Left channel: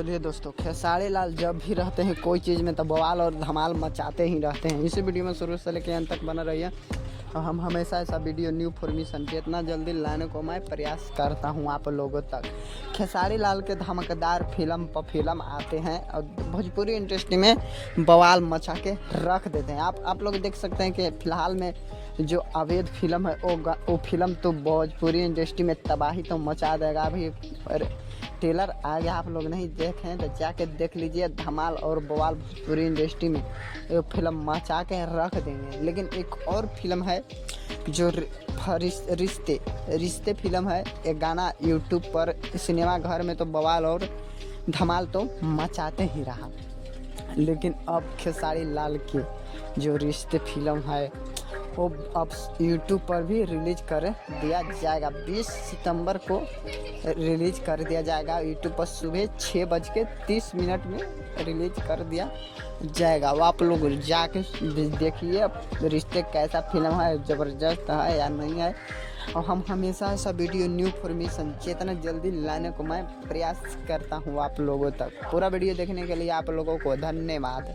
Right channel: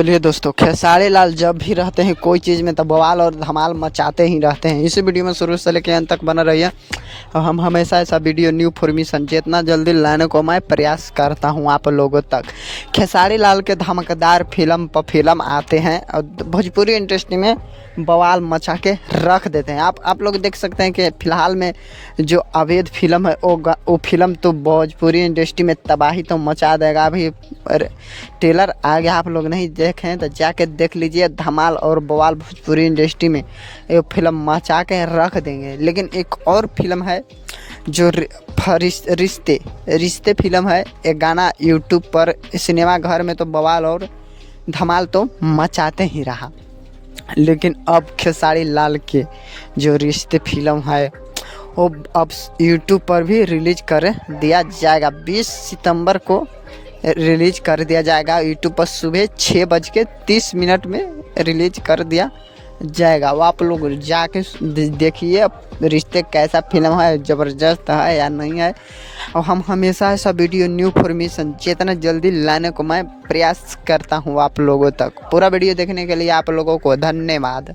चलिए दोस्तों, खेसारी लाल जब भी रहते हैं कोई चीज़ में तो बवाल और धमाल मचाते ही रहते हैं। इसी वीडियो में शुरू से लेकर अंत तक बना रहिए और हम हमेशा ऐसा वीडियो न्यू इन्फॉर्मेशन जितना जल्दी लाने को मैं प्रयास करता हूं आप लोगों तक। खेसारी लाल के धमाकेदार फिल्म पर फिल्म आते हैं और भोजपुरी इंडस्ट्री में बवाल मचा के रख देते हैं। आप लोग देख सकते हैं कि फ़िलहाल में जो अवैध फिल्म है वो फिल्म तो भोजपुरी इंडस्ट्री में तबाही तो मचा देगा। अभी ट्रेलर आ गया, आप लोग नहीं देखें तो जाके देख लीजिए। धमाल और बवाल भोजपुरी इंडस्ट्री में ये फिल्म मचा के रख देंगे। लेकिन एक और फिल्म है जो रिश्ते फिल्म है। एक गाना यूट्यूब पर सिनेमा घर में तो बवाल और धमाल तो मचाते ही रहा, लेकिन अब खेसारी लाल के जो रिश्ते फिल्म है वो अब यूट्यूब पर भी रिलीज कर दिया जाएगा। 20 सितंबर को रिलीज कर दिया जाएगा। यूट्यूब पर सुबह 6:30 में रिलीज कर दिया जाएगा। वो आप लोग जाके देखिए रिश्ते कैसा फिल्म है, ज़बरदस्त है या नहीं है। और हम हमेशा ऐसा वीडियो न्यू इन्फॉर्मेशन जितना जल्दी लाने को मैं प्रयास करता हूँ आप लोगों तक। पूरा वीडियो देखने के लिए आप लोगों को धन्यवाद।